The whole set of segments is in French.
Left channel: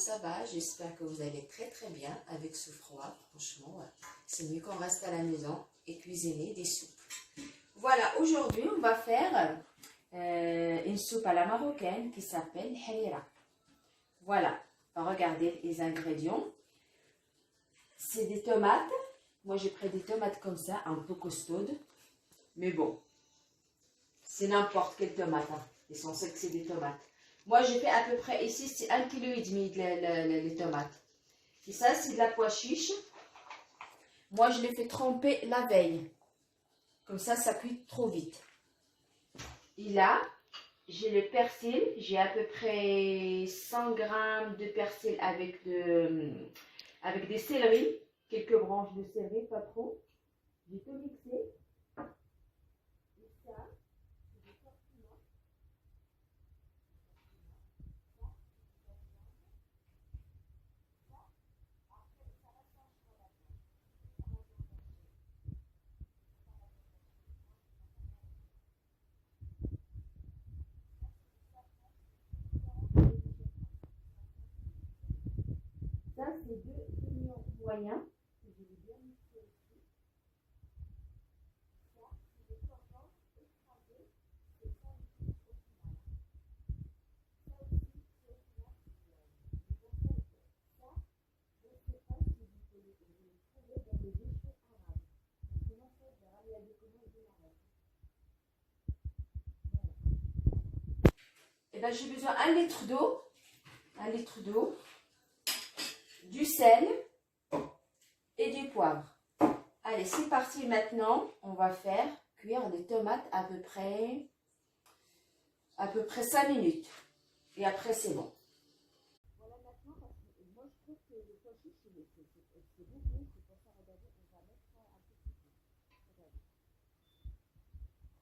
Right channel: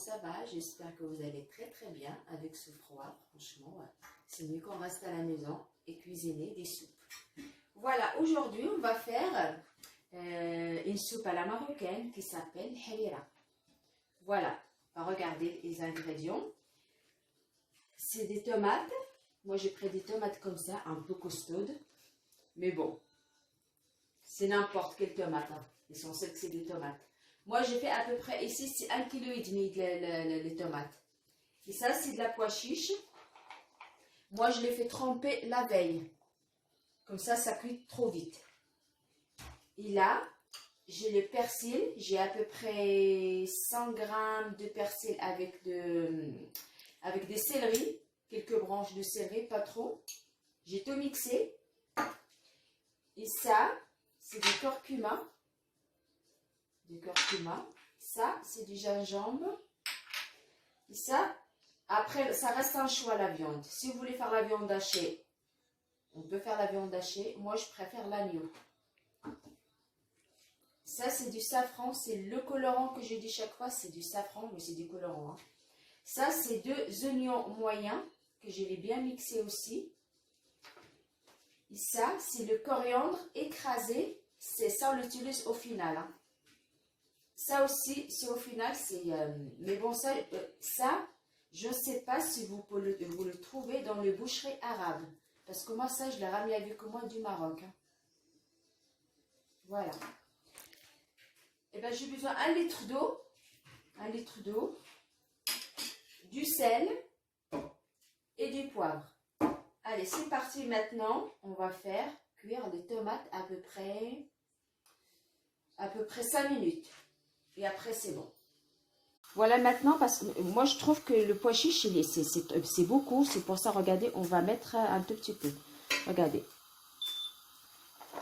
ça va? J'espère que vous allez très très bien avec ce froid. Franchement, c'est mieux qu'on reste à la maison et cuisiner des soupes. Voilà, aujourd'hui on va faire une soupe à la marocaine qui s'appelle harira. Voilà, on va regarder les ingrédients. C'est des tomates. Moi j'ai pris des tomates comme ça, un peu costaudes. Mais bon, c'est n'importe quelle tomate. Hein. L'essentiel que c'est des tomates. Moi j'ai fait à peu près, ici c'est 1,5 kg les tomates. Et ça c'est de la pois chiche. Moi je les fais tremper la veille. Comme ça cuit trop vite. Et là, j'ai le persil. J'ai à peu près 100 g de persil avec des céleris. Quelques branches de céleri, pas trop. J'ai tout mixé. Et ça, c'est du curcuma. Ça, c'est du gingembre. Et ça, après, ça reste un choix la viande. Si vous voulez faire la viande hachée, on peut faire la viande hachée. Moi, je préfère l'agneau. Ça, c'est du safran. C'est le colorant que je dis chaque fois. C'est du safran, mais c'est du colorant. Hein. Ça, c'est 2 oignons moyens que je vais bien mixer aussi. Et ça, c'est le coriandre écrasé. C'est ça, on l'utilise au final. Hein. Ça aussi, c'est au final. Mais bon, ça, je ne sais pas si vous le trouvez dans les boucheries arabes. Parce que moi, ça, je l'ai ramené avec moi du Maroc. Hein. Voilà. Et bien, j'ai besoin d'un litre d'eau. 1 litre d'eau. Du sel. Et du poivre. Allez, c'est parti maintenant. On va faire cuire les tomates à peu près 5 minutes. Et après, c'est bon. Voilà maintenant, parce que moi, je trouve que le pois chiche, c'est beaucoup. C'est pour ça, regardez, on va mettre un tout petit peu. Regardez.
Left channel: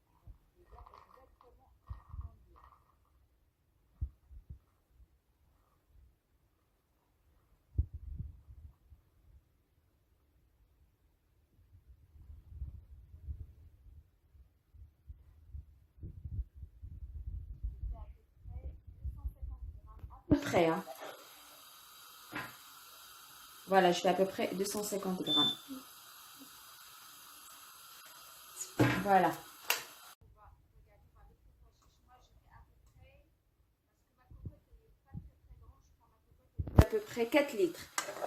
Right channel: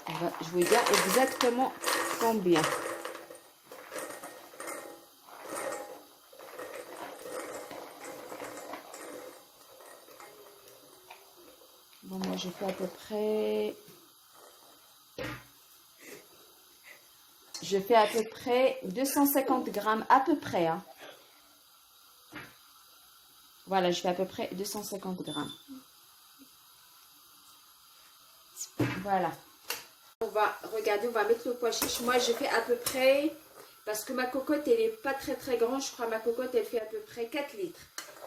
Je vais dire exactement combien. Bon, moi, je fais à peu près... Je fais à peu près 250 grammes, à peu près. Hein. Voilà, je fais à peu près 250 grammes. Voilà. On va mettre le pois chiche. Moi, je fais à peu près, parce que ma cocotte, elle n'est pas très très grande. Je crois que ma cocotte, elle fait à peu près 4 litres.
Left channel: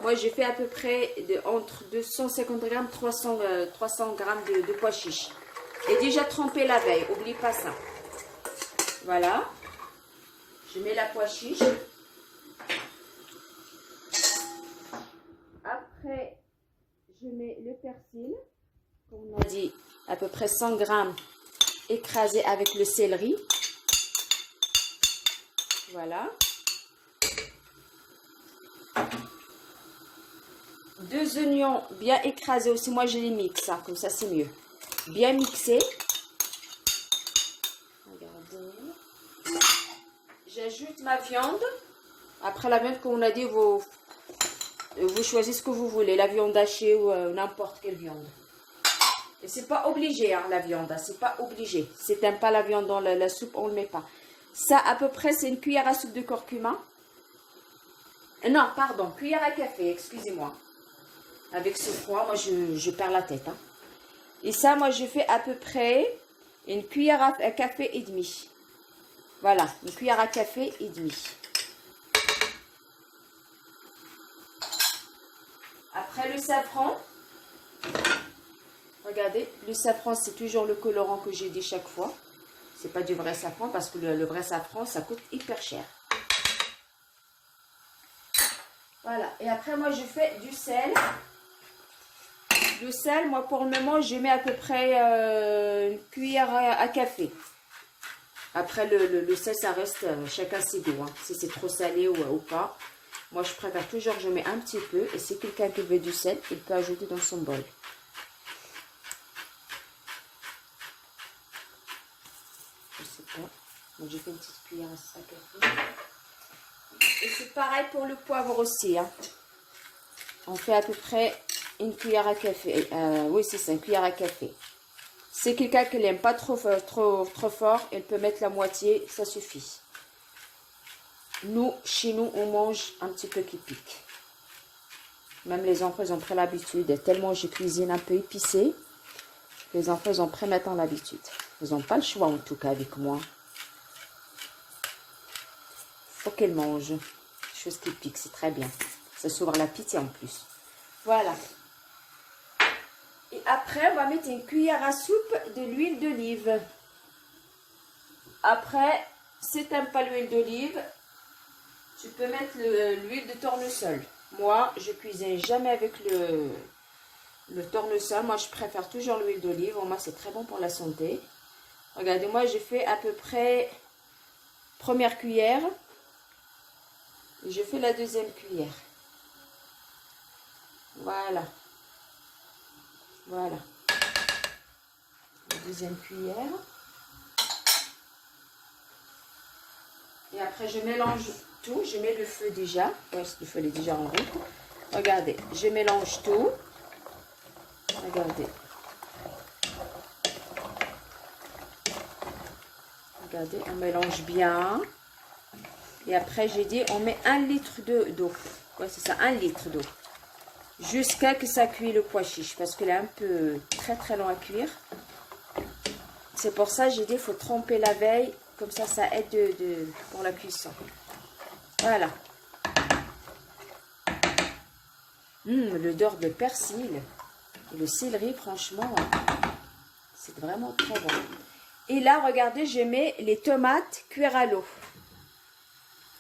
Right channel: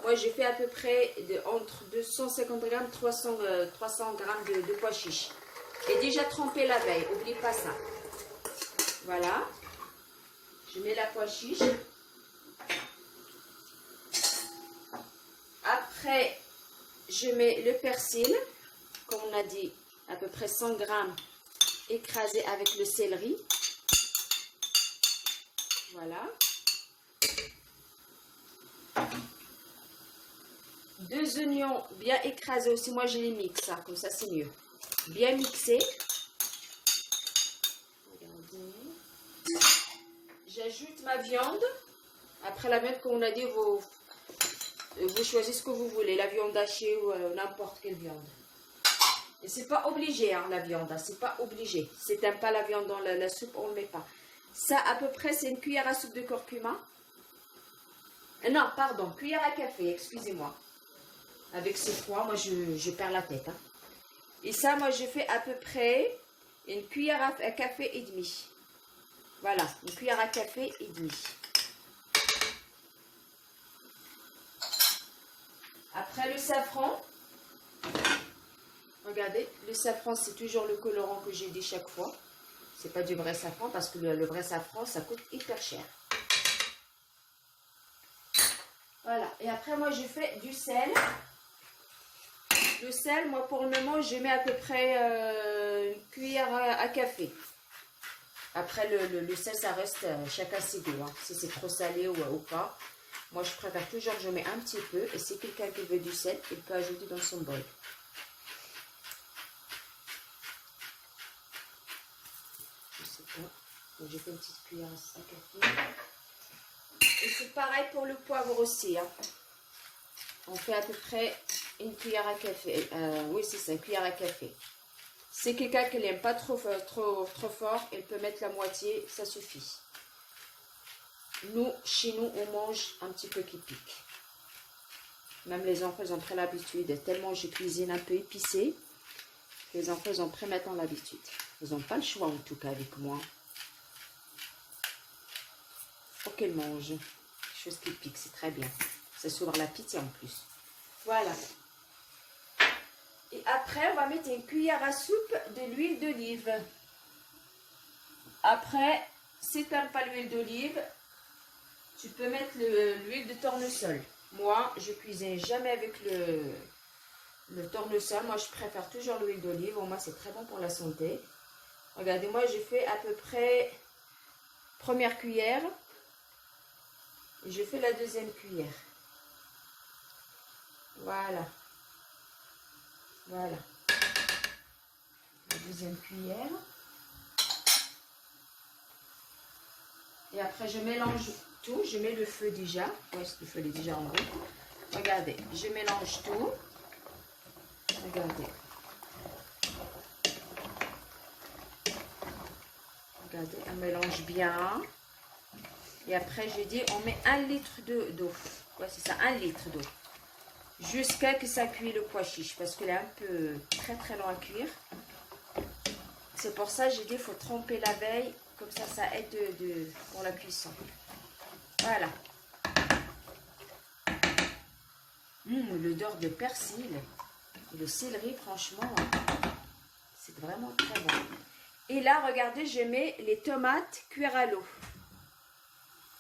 Moi, j'ai fait à peu près entre 250 grammes, 300 grammes de pois chiche. Et déjà trempé la veille, n'oublie pas ça. Voilà. Je mets la pois chiche. Après, je mets le persil, comme on a dit, à peu près 100 grammes écrasé avec le céleri. Voilà. 2 oignons bien écrasés aussi. Moi, je les mixe, hein, comme ça, c'est mieux. Bien mixé. Regardez. J'ajoute ma viande. Après la viande, comme on a dit, vous choisissez ce que vous voulez. La viande hachée ou n'importe quelle viande. Et c'est pas obligé, hein, la viande. Hein, c'est pas obligé. Si t'aimes pas la viande dans la soupe, on le met pas. Ça, à peu près, c'est une cuillère à soupe de curcuma. Non, pardon, cuillère à café, excusez-moi. Avec ce froid, moi, je perds la tête. Hein. Et ça, moi, je fais à peu près une cuillère à café et demi. Voilà, une cuillère à café et demi. Après, le safran. Regardez, le safran, c'est toujours le colorant que j'ai dit chaque fois. C'est pas du vrai safran parce que le vrai safran, ça coûte hyper cher. Voilà. Et après, moi, je fais du sel. Le sel, moi, pour le moment, je mets à peu près une cuillère à café. Après, le sel, ça reste chacun ses goûts. Hein. Si c'est trop salé ou pas. Moi, je préfère toujours, je mets un petit peu. Et si quelqu'un qui veut du sel, il peut ajouter dans son bol. Je sais pas. Donc, j'ai fait une petite cuillère à café. Et c'est pareil pour le poivre aussi. Hein. On fait à peu près une cuillère à café. Oui, c'est ça, une cuillère à café. C'est quelqu'un qui n'aime pas trop fort, elle peut mettre la moitié, ça suffit. nous, chez nous, on mange un petit peu qui pique. Même les enfants, ils ont pris l'habitude. Tellement je cuisine un peu épicé, les enfants, ils ont pris maintenant l'habitude. Ils n'ont pas le choix, en tout cas, avec moi. Faut qu'elles mangent. Chose qui pique, c'est très bien. Ça s'ouvre l'appétit en plus. Voilà. Et après, on va mettre une cuillère à soupe de l'huile d'olive. Après, si tu n'aimes pas l'huile d'olive, tu peux mettre l'huile de tournesol. Moi, je cuisine jamais avec le tournesol. Moi, je préfère toujours l'huile d'olive. Moi, c'est très bon pour la santé. Regardez, moi, j'ai fait à peu près première cuillère. Et je fais la deuxième cuillère. Voilà. Voilà. La deuxième cuillère. Et après, je mélange tout. Je mets le feu déjà. Ouais, le feu est déjà en route. Regardez, je mélange tout. Regardez. Regardez, on mélange bien. Et après, j'ai dit, on met 1 litre d'eau. Ouais, c'est ça, 1 litre d'eau. Jusqu'à que ça cuit le pois chiche. Parce qu'il est un peu très long à cuire. C'est pour ça, j'ai dit, il faut tremper la veille. Comme ça, ça aide pour la cuisson. Voilà. L'odeur de persil et le céleri, franchement, c'est vraiment très bon. Et là, regardez, je mets les tomates cuire à l'eau.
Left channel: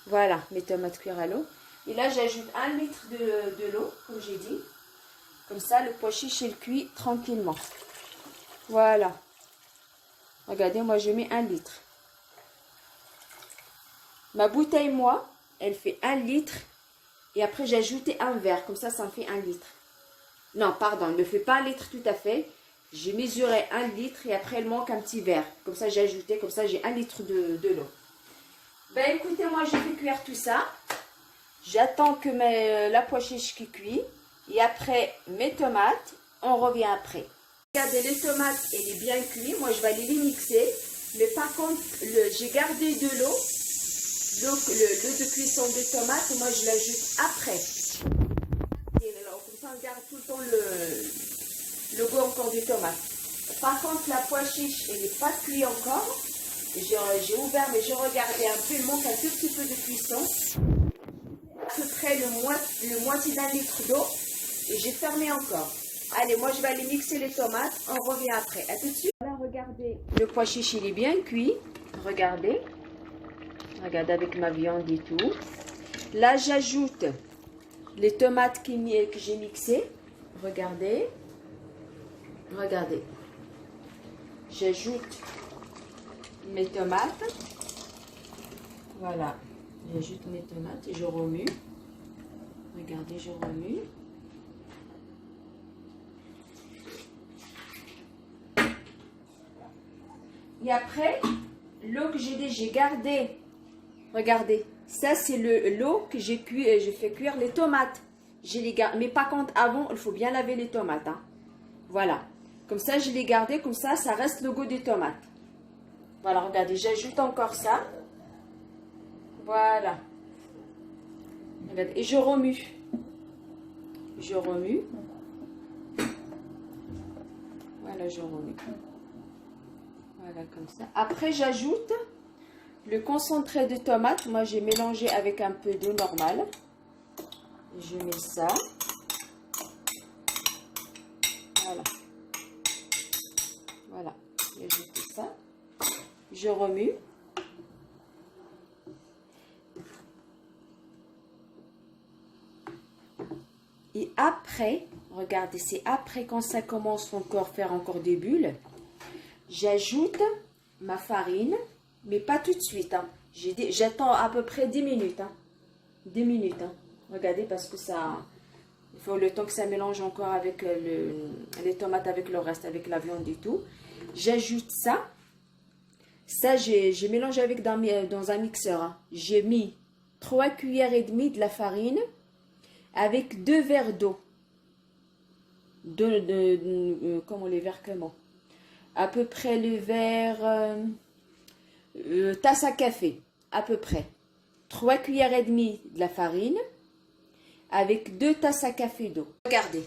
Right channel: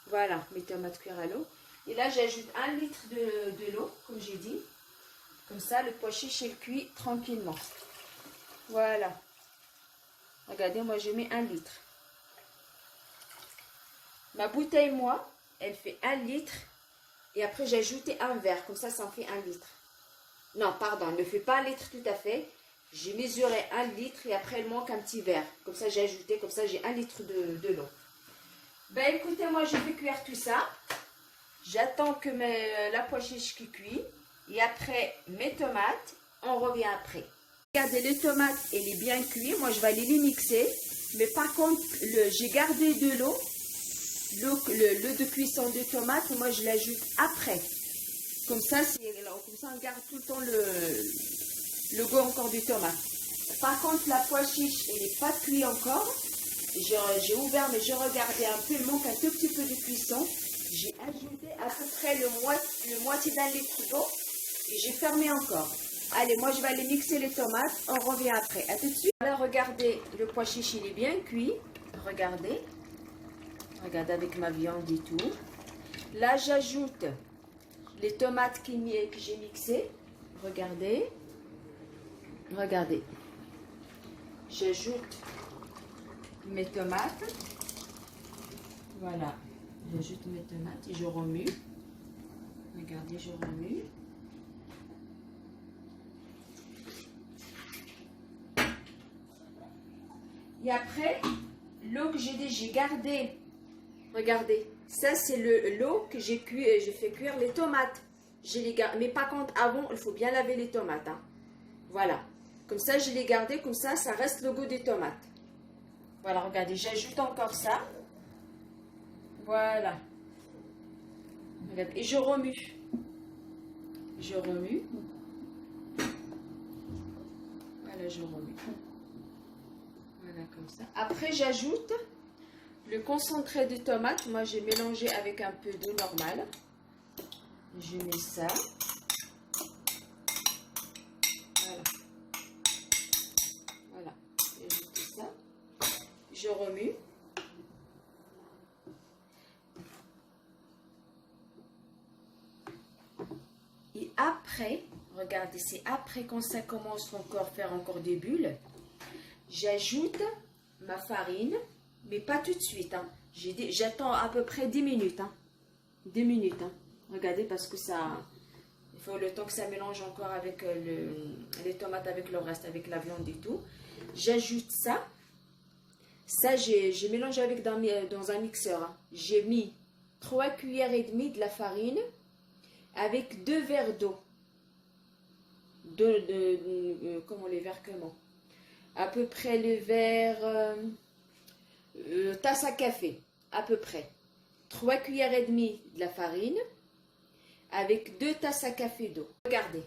Voilà, mes tomates cuire à l'eau. Et là, j'ajoute 1 litre de l'eau, comme j'ai dit. Comme ça, le pois chiche, il cuit tranquillement. Voilà. Regardez, moi, je mets 1 litre. Ma bouteille, moi, elle fait 1 litre. Et après, j'ai ajouté un verre. Comme ça en fait 1 litre. Non, pardon, il ne me fait pas 1 litre tout à fait. J'ai mesuré 1 litre et après, il manque un petit verre. Comme ça, j'ai ajouté, comme ça, j'ai 1 litre de l'eau. Ben, écoutez, moi, je vais cuire tout ça. J'attends que la pois chiche qui cuit. Et après, mes tomates, on revient après. Regardez, les tomates, elle est bien cuite. Moi, je vais aller les mixer. Mais par contre, j'ai gardé de l'eau. L'eau de cuisson des tomates, moi je l'ajoute après. Comme ça, on garde tout le temps le goût encore des tomates. Par contre, la pois chiche, elle n'est pas cuite encore. J'ai ouvert, mais je regardais un peu, il manque un tout petit peu de cuisson. J'ai ajouté à peu près le moitié d'1 litre d'eau et j'ai fermé encore. Allez, moi je vais aller mixer les tomates, on revient après. À tout de suite. Voilà, regardez, le pois chiche, il est bien cuit. Regardez. Regardez avec ma viande et tout. Là, j'ajoute les tomates que j'ai mixées. Regardez. Regardez. J'ajoute mes tomates. Voilà. J'ajoute mes tomates et je remue. Regardez, je remue. Et après, l'eau que j'ai gardée. Regardez, ça c'est l'eau que j'ai fait cuire les tomates. Mais par contre, avant, il faut bien laver les tomates. Hein. Voilà. Comme ça, je l'ai gardé, comme ça reste le goût des tomates. Voilà, regardez, j'ajoute encore ça. Voilà. Regardez, et je remue. Je remue. Voilà, je remue. Voilà, comme ça. Après, j'ajoute le concentré de tomate. Moi, j'ai mélangé avec un peu d'eau normale. Je mets ça. Voilà. Voilà. J'ajoute ça. Je remue. Et après, regardez, c'est après quand ça commence encore à faire encore des bulles, j'ajoute ma farine. Mais pas tout de suite. Hein. J'attends à peu près 10 minutes. Hein. 10 minutes. Hein. Regardez parce que ça... Il faut le temps que ça mélange encore avec les tomates, avec le reste, avec la viande et tout. J'ajoute ça. Ça, j'ai mélangé avec dans un mixeur. Hein. J'ai mis 3 cuillères et demie de la farine avec 2 verres d'eau. Comment les verres comment? À peu près le verre... tasse à café, à peu près. 3 cuillères et demie de la farine avec 2 tasses à café d'eau. Regardez,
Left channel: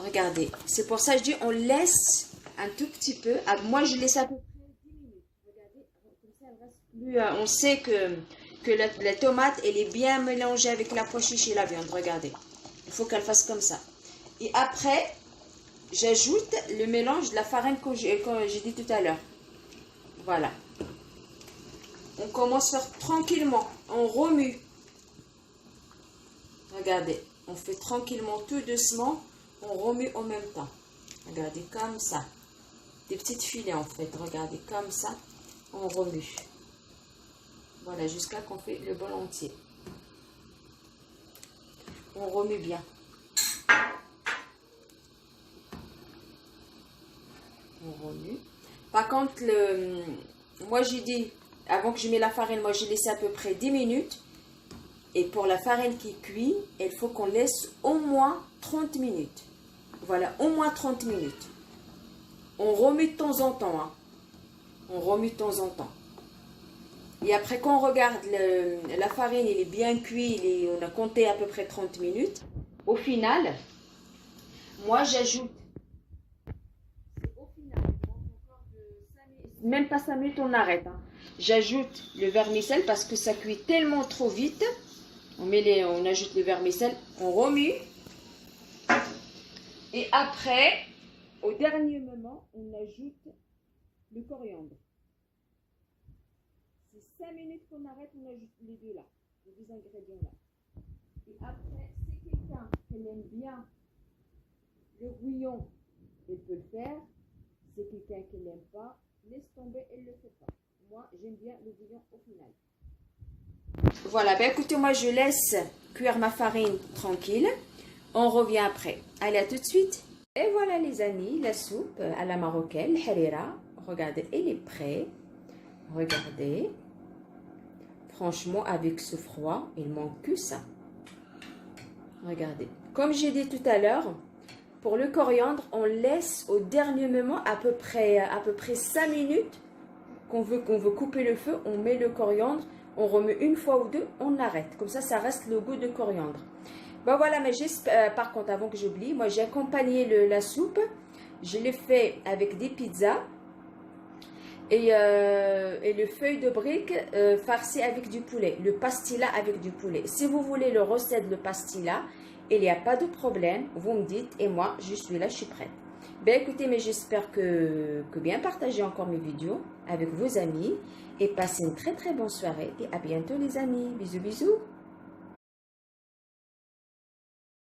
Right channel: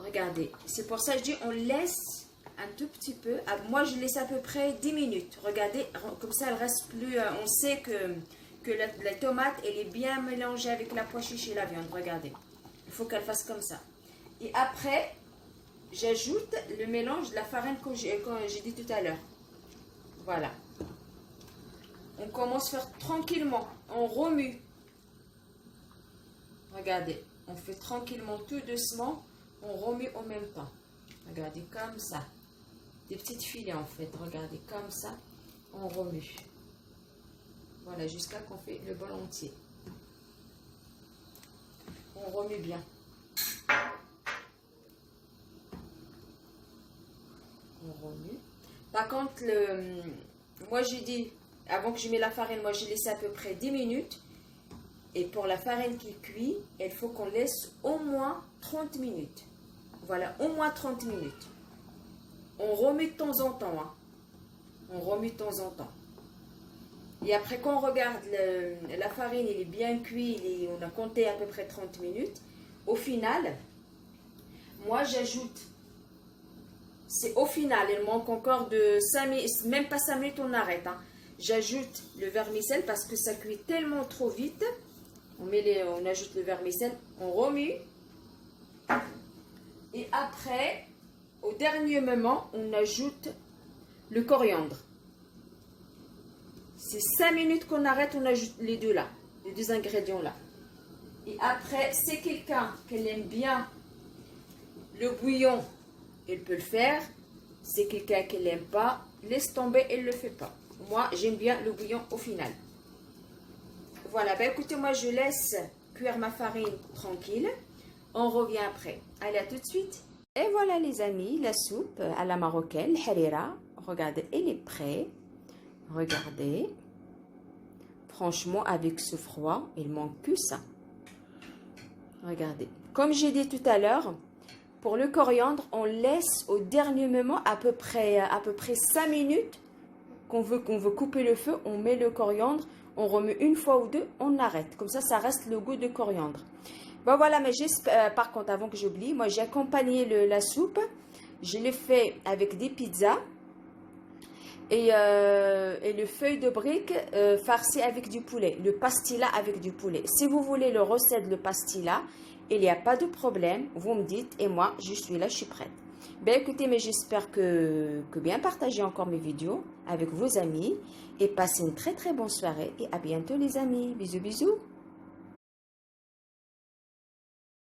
regardez. C'est pour ça que je dis on laisse un tout petit peu. Moi, je laisse à peu près 10 minutes. Regardez, comme ça, elle reste plus... on sait que la tomate, elle est bien mélangée avec la pois chiche et la viande. Regardez, il faut qu'elle fasse comme ça. Et après, j'ajoute le mélange de la farine que j'ai dit tout à l'heure. Voilà. On commence à faire tranquillement. On remue. Regardez, on fait tranquillement, tout doucement. On remue en même temps. Regardez, comme ça. Des petites filets en fait. Regardez, comme ça. On remue. Voilà, jusqu'à qu'on fait le bol entier. On remue bien. On remue. Par contre, moi j'ai dit, avant que je mette la farine, moi j'ai laissé à peu près 10 minutes. Et pour la farine qui cuit, il faut qu'on laisse au moins 30 minutes. Voilà, au moins 30 minutes. On remet de temps en temps. Hein. On remet de temps en temps. Et après, quand on regarde la farine, elle est bien cuite, on a compté à peu près 30 minutes. Au final, moi j'ajoute, c'est au final, il manque encore de 5 minutes, même pas 5 minutes, on arrête. Hein. J'ajoute le vermicelle parce que ça cuit tellement trop vite. On ajoute le vermicelle, on remue. Et après, au dernier moment, on ajoute le coriandre. C'est 5 minutes qu'on arrête, on ajoute les deux là, les deux ingrédients là. Et après, c'est quelqu'un qui aime bien le bouillon, il peut le faire. C'est quelqu'un qui l'aime pas, laisse tomber, il ne le fait pas. Moi, j'aime bien le bouillon au final. Voilà, ben écoutez, moi je laisse cuire ma farine tranquille. On revient après. Allez, à tout de suite. Et voilà les amis, la soupe à la marocaine, harira. Regardez, elle est prête. Regardez. Franchement, avec ce froid, il manque que ça. Regardez. Comme j'ai dit tout à l'heure, pour le coriandre, on laisse au dernier moment à peu près 5 minutes qu'on veut couper le feu. On met le coriandre, on remet une fois ou deux, on arrête. Comme ça, ça reste le goût de coriandre. Bon voilà, mais par contre, avant que j'oublie, moi j'ai accompagné la soupe. Je l'ai fait avec des pizzas et le feuille de brique farci avec du poulet. Le pastilla avec du poulet. Si vous voulez le recette de pastilla, il n'y a pas de problème. Vous me dites et moi, je suis là, je suis prête. Ben écoutez, mais j'espère que bien partager encore mes vidéos avec vos amis. Et passez une très très bonne soirée. Et à bientôt les amis. Bisous bisous.